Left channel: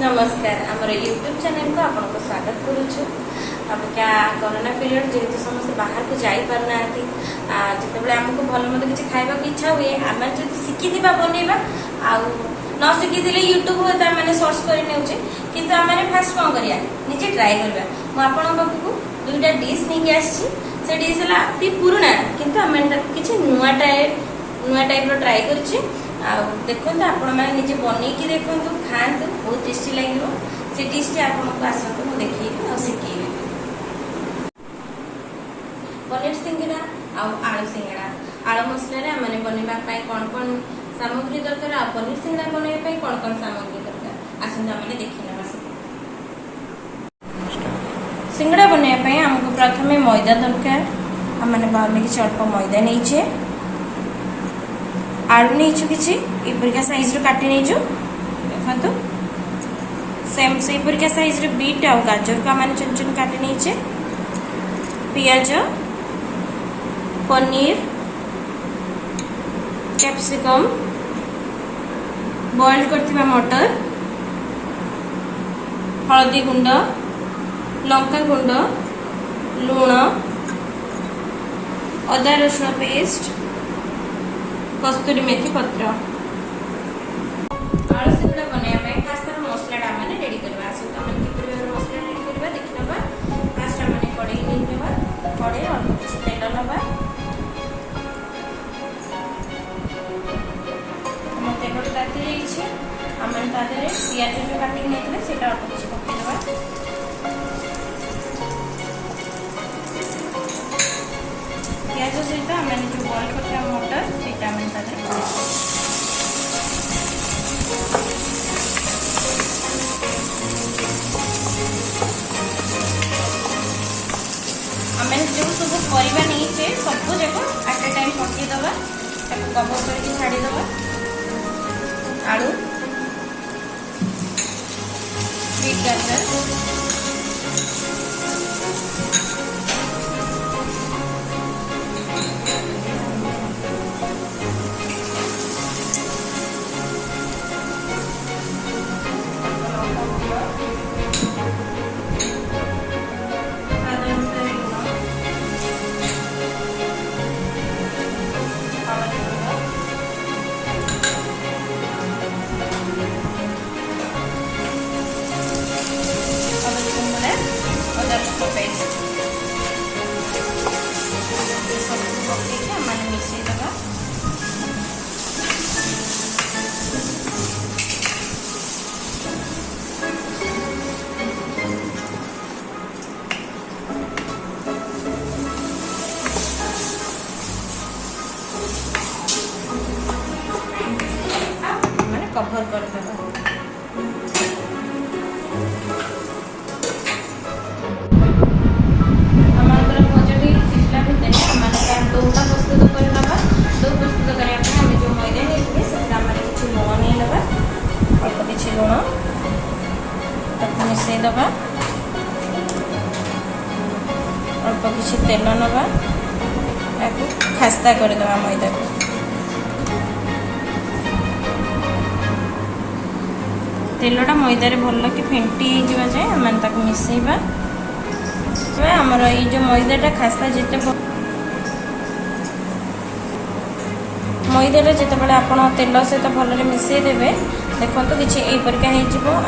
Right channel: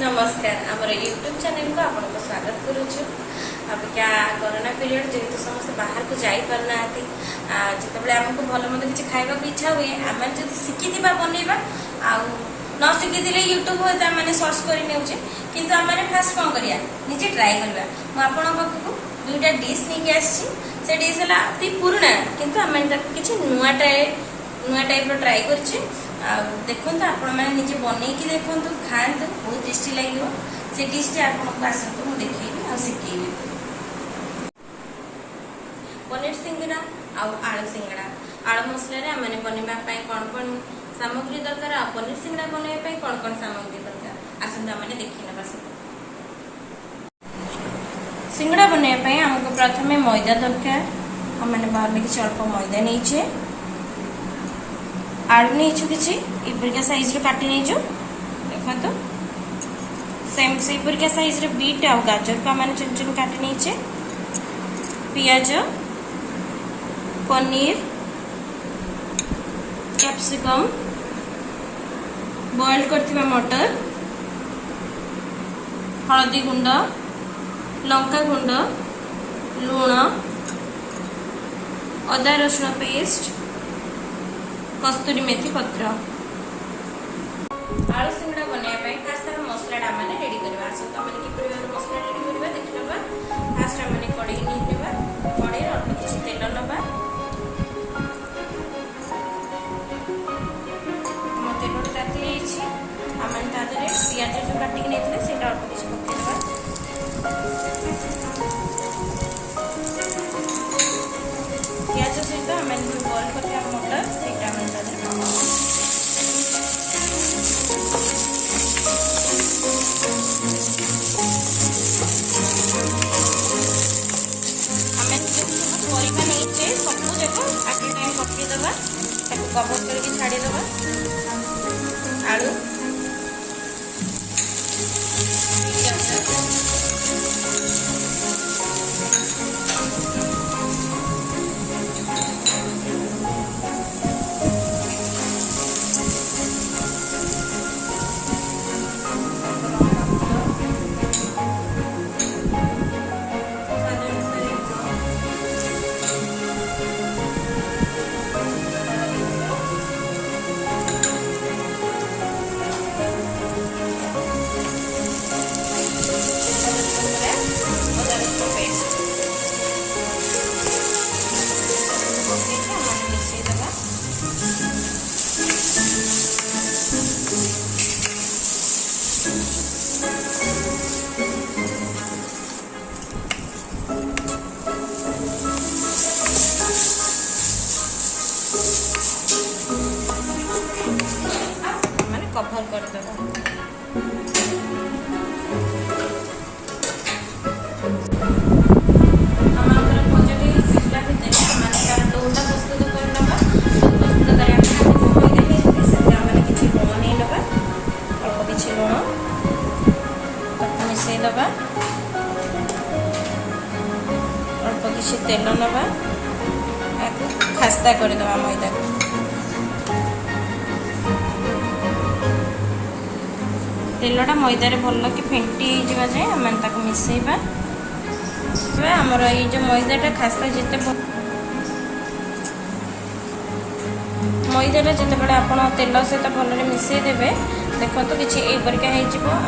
नमस्कार आमर YouTube channel को आपको स्वागत करुचु। अब क्या कोरोना पीरियड जेहेतु समस्त बाहर को जाई पारना जिते आमको भल मत किसी खावा इच्छा हुए आम जो शिखी बनवा न शिखी यूट्यूब मैंने सर्च कर किंतु आम फास्ट कौन करिया निजे ट्राई करवा। मुझे पाखक दुईटा डिश नहीं आसी से डिश है पुराना किंतु आम किसी नुआ टाइप ट्राई कर देखो आपण मैंने निजे बनईकी देखो खातु बहुत टेस्टी लगे से डिश टी आपको आसतु मुझे देखी और शिखेबी। पनीर सिंगड़ा आलू सिंगड़ा आलू मसला मैंने बनवाई कौन कौन सामग्री दरकार आ पनीर सिंगड़ा बनवाई कौन कौन सामग्री दरकार आसतु मैंने देखी ना सब। सिंगड़ा बनवाई आमको प्रथम मैदा दरकार आम बाहर किसी अल्प मैदा नहीं आलू नहीं किसी एपरिका साइज काटी नहीं देखो सेम से परिका साइज बीट आ गाजर को आम चुन चुन काटी नहीं पियाज पनीर कैप्सिकम बॉइल करथिबा मटर हळदी गुंड लंका गुंड लूण अदा रसुण पेस्ट कस्तूरी मेथी पत्र आलू सिंगड़ा बनवाई खास कर मसला मैंने रेडी करवा मसला रेडी करवा देखी ना फास्ट मैंने कड़े नहीं कड़े अल्प किसी तेल नवा तेल ताती आम पियाज जो काटिक नहीं से अल्प किसी पकड़ा पियाज सहित आम जो बॉइल करता मटर से परिवा नहीं सब देखो एट ए टाइम पकेदवा कवर करके छाड़ीदवा आलू बीट गाजर कवर कर देगा भजा भी सिझला भितर डोटा प्रस्तुत करना डो प्रस्तुत करने जो मैदा नहीं से किसी लुण नहीं लगा अल्प किसी लुण मिसईदबा अल्प किसी तेल नवा खास्ता करदे मैदा को तेलटा मैदारे भल कि फेंटी जाए आम मिसेबा आमर ये जो मैदाटा खास्ता जिते मैदाटा जिते आप तेल सहित भल मिसई देवे देखो तो किसी यहीपर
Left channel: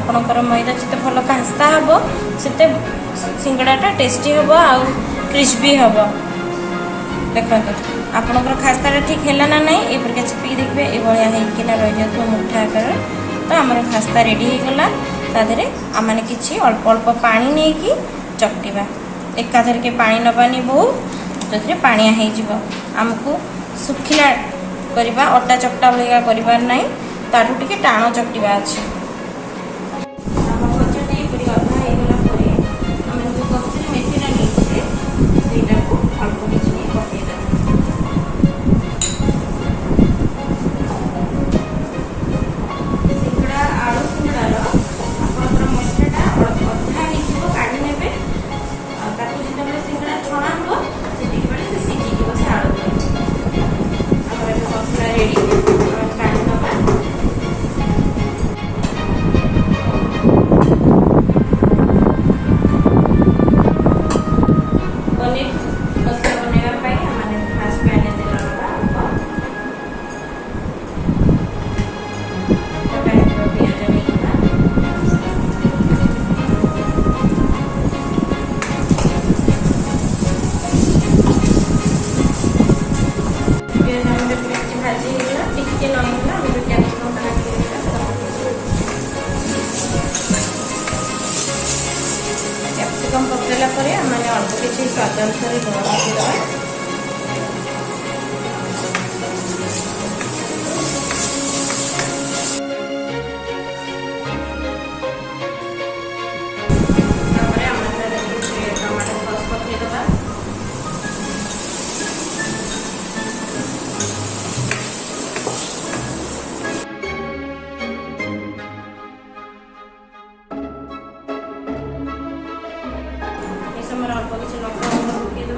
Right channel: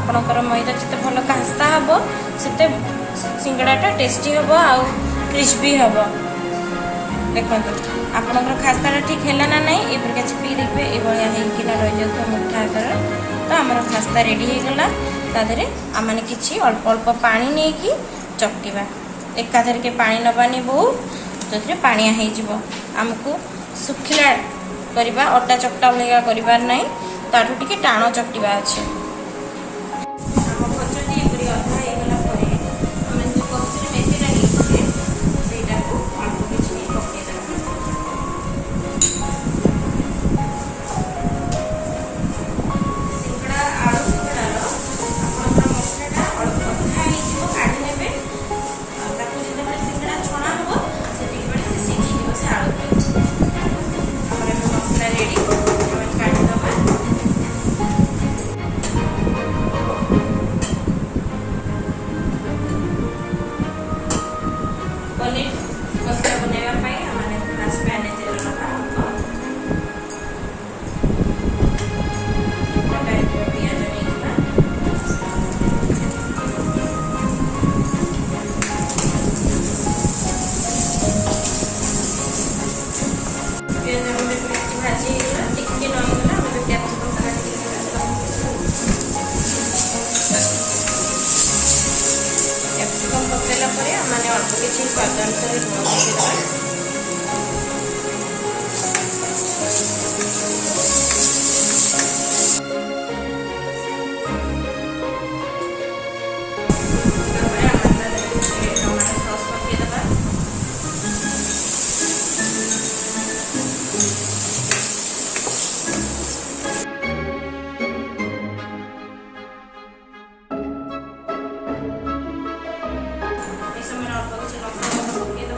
आपणकर मैदा जिते भल खास्ता हम से सिंगड़ाटा टेस्टी हम आउ क्रिस्पी हम देखो आपणकर खास्ता ठीक है ना नहीं यपर चिपिक देखिए ये रही जाए मुठा आकार तो आम खास्ता रेडी हो गला तादरे आम किसी अल्प अल्प पानी नहीं कि चकटिबा एकाधर के पानी नबानी बहुत जो पानिया हो आमको सुखिला करवा अटा चकटा भाया कर ना ताठू टिके टाण चकटिबा अच्छे रेडी मैंने अल्प किसी स्वाद अनुसार लुण पकईदे टमाटो सॉस पकईदे अल्प किसी लंका गुंड पकईदे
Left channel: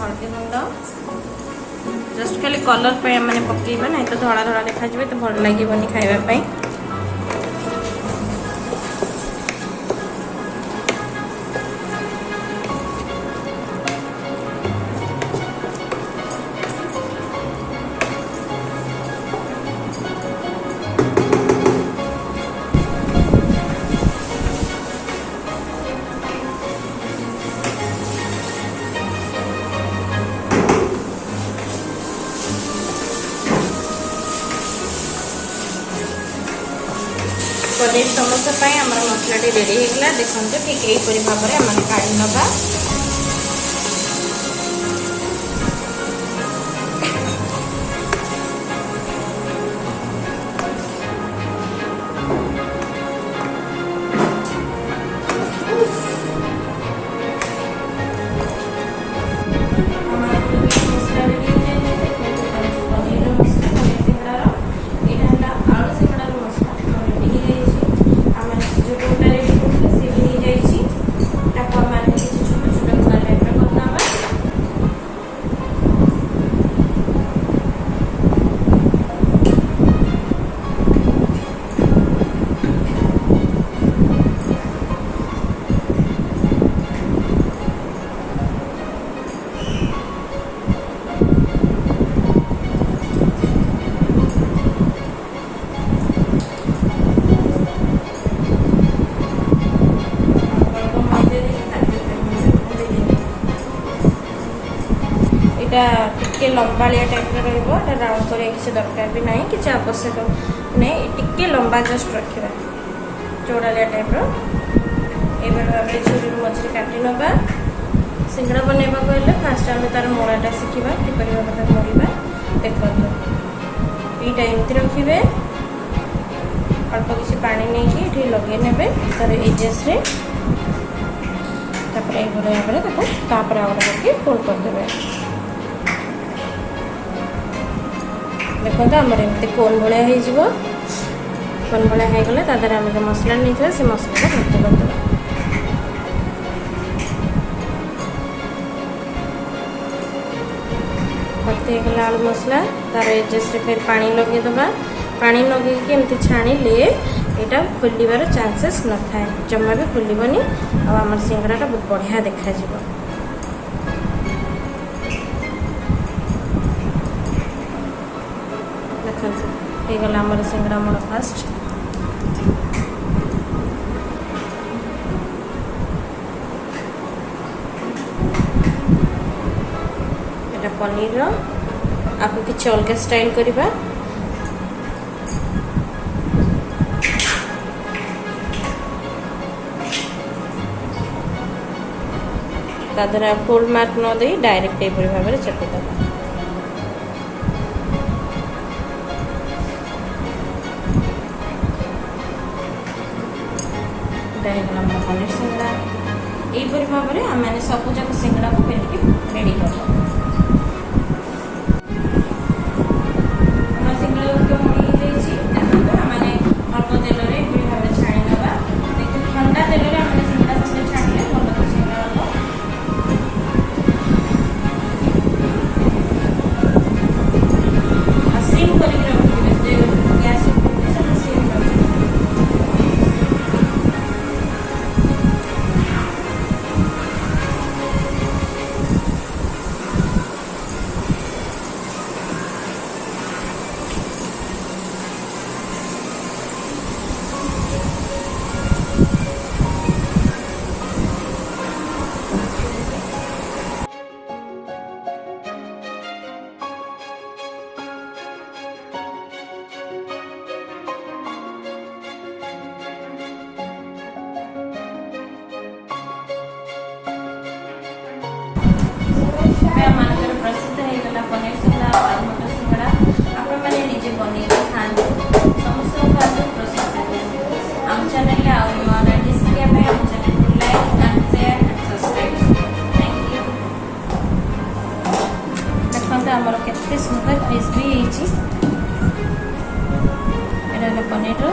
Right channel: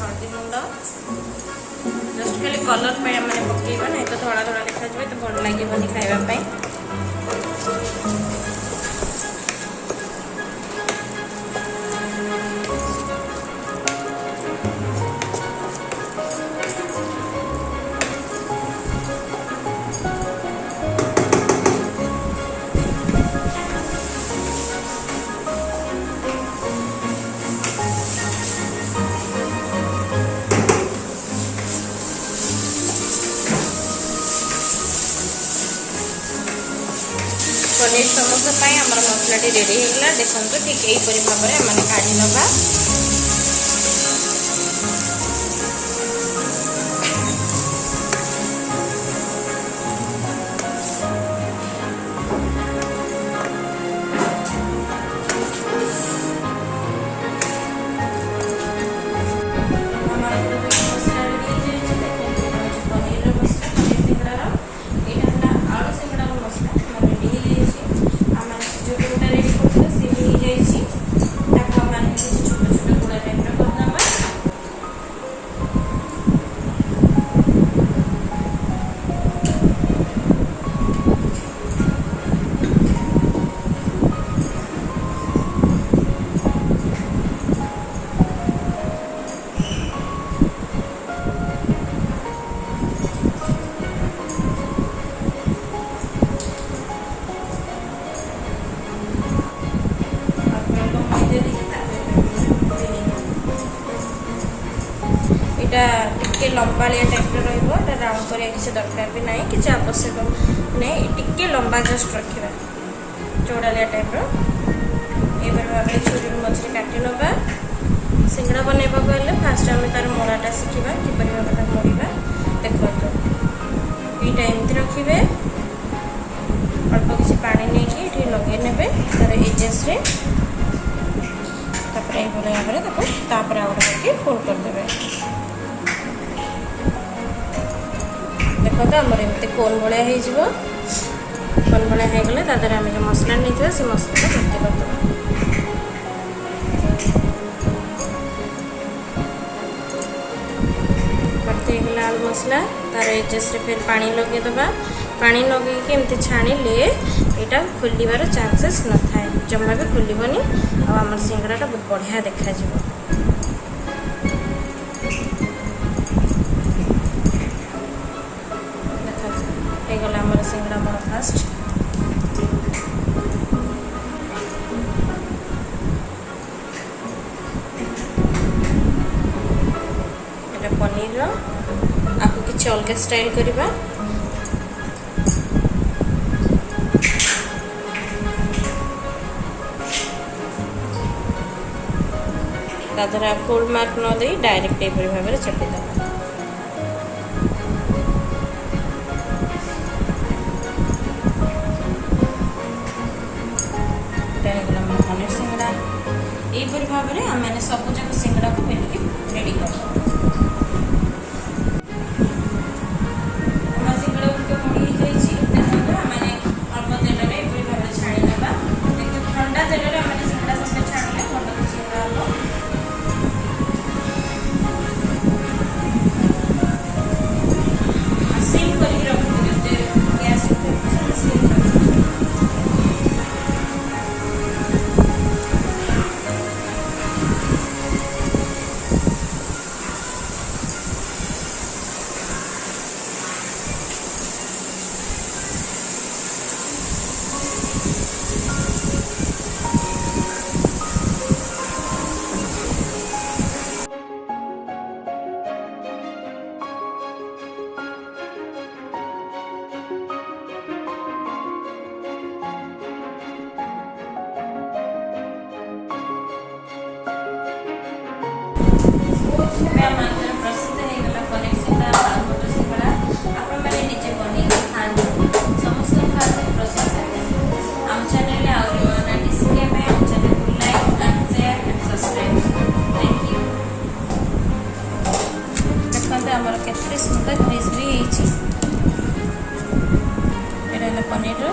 हल्दी गुंड जस्ट खाली कलर पे मैंने पकईबा नहीं तो धड़ा धड़ा देखा तो भल लगे खावाई पनीर समोसा आम मसला रेडी होगा देखो ठीक यहीपरी भाव में आम काढ़ी नवा मसला रेडी पनीर मसला पनीर सिंगड़ार यहाँ आलू सिंगड़ार मसला जोटा रेडी करते सी भी छोट छोट गुड़ा टाइप करना टिके लंबालिया टाइप रहा राउंड करिया किसी दरकार भी नहीं किसी आवश्यक नहीं टिके लंबा जस्ट रखा चौड़ालिया टाइप ये भाव में छुरी मझे काटी नवा सिंगड़ा बनवा हेल्ले फास्ट आम तार मड़ाटा शिखा किपर भाव में मोड़ा देखो यहीटा एमती रखिए अल्प किसी पानी नहीं कि लगे ने तार एजेस भाव में तापर आउ गोटे फोल्ड करदे देखो आमर एमती कोन भाया कोन भाया होगले तादर आम जो मसला नहीं से मसला भर्ती करदे भर्ती होगला आलू मसला तार एजेस फिर पानी लगेदबा पानी लगे एमती छाणिले यहाँ खोलिबार चांसेस न थाए जमा भी खोलबनी आम सिंगड़ाटा बहुत बढ़िया देखा देखा आमर सिंगड़ा मोड़ फास्ट एटा पनीर आपको किसी अलग स्टाइल करवा तादर फोल्ड मार्क न दे डायरेक्ट यहीपरी भाव में चपेद पनीर सिंगड़ा यहीपरी भाव में आम सबूक सिंगड़ा को बेलिकी रेडी कर ଓଡ଼ିଶା ମାନଙ୍କର ପ୍ରସିଦ୍ଧ ହେଇଗଲା ପନିର ସିଙ୍ଗଡ଼ା ଆଉ ମଟର ସିଙ୍ଗଡ଼ା। ଆପଣମାନେ ନିଜେ ବନେଇକି ଖାଆନ୍ତୁ, ସମସ୍ତଙ୍କୁ ଖାଆନ୍ତୁ, ପ୍ରଶଂସା ଦିଅନ୍ତୁ। ଆମ ଚ୍ୟାନେଲରେ ଆହୁରି ନୂଆ ରେସିପି ଶିଖିବା ପାଇଁ ଆମ ଚ୍ୟାନେଲକୁ like and share and subscribe. Thank you. ଦେଖନ୍ତୁ ଆମର କେତେ ସୁନ୍ଦର କ୍ରିସ୍ପି ହେଇଛି। ଏଇଟା ହେଲା ପନିରର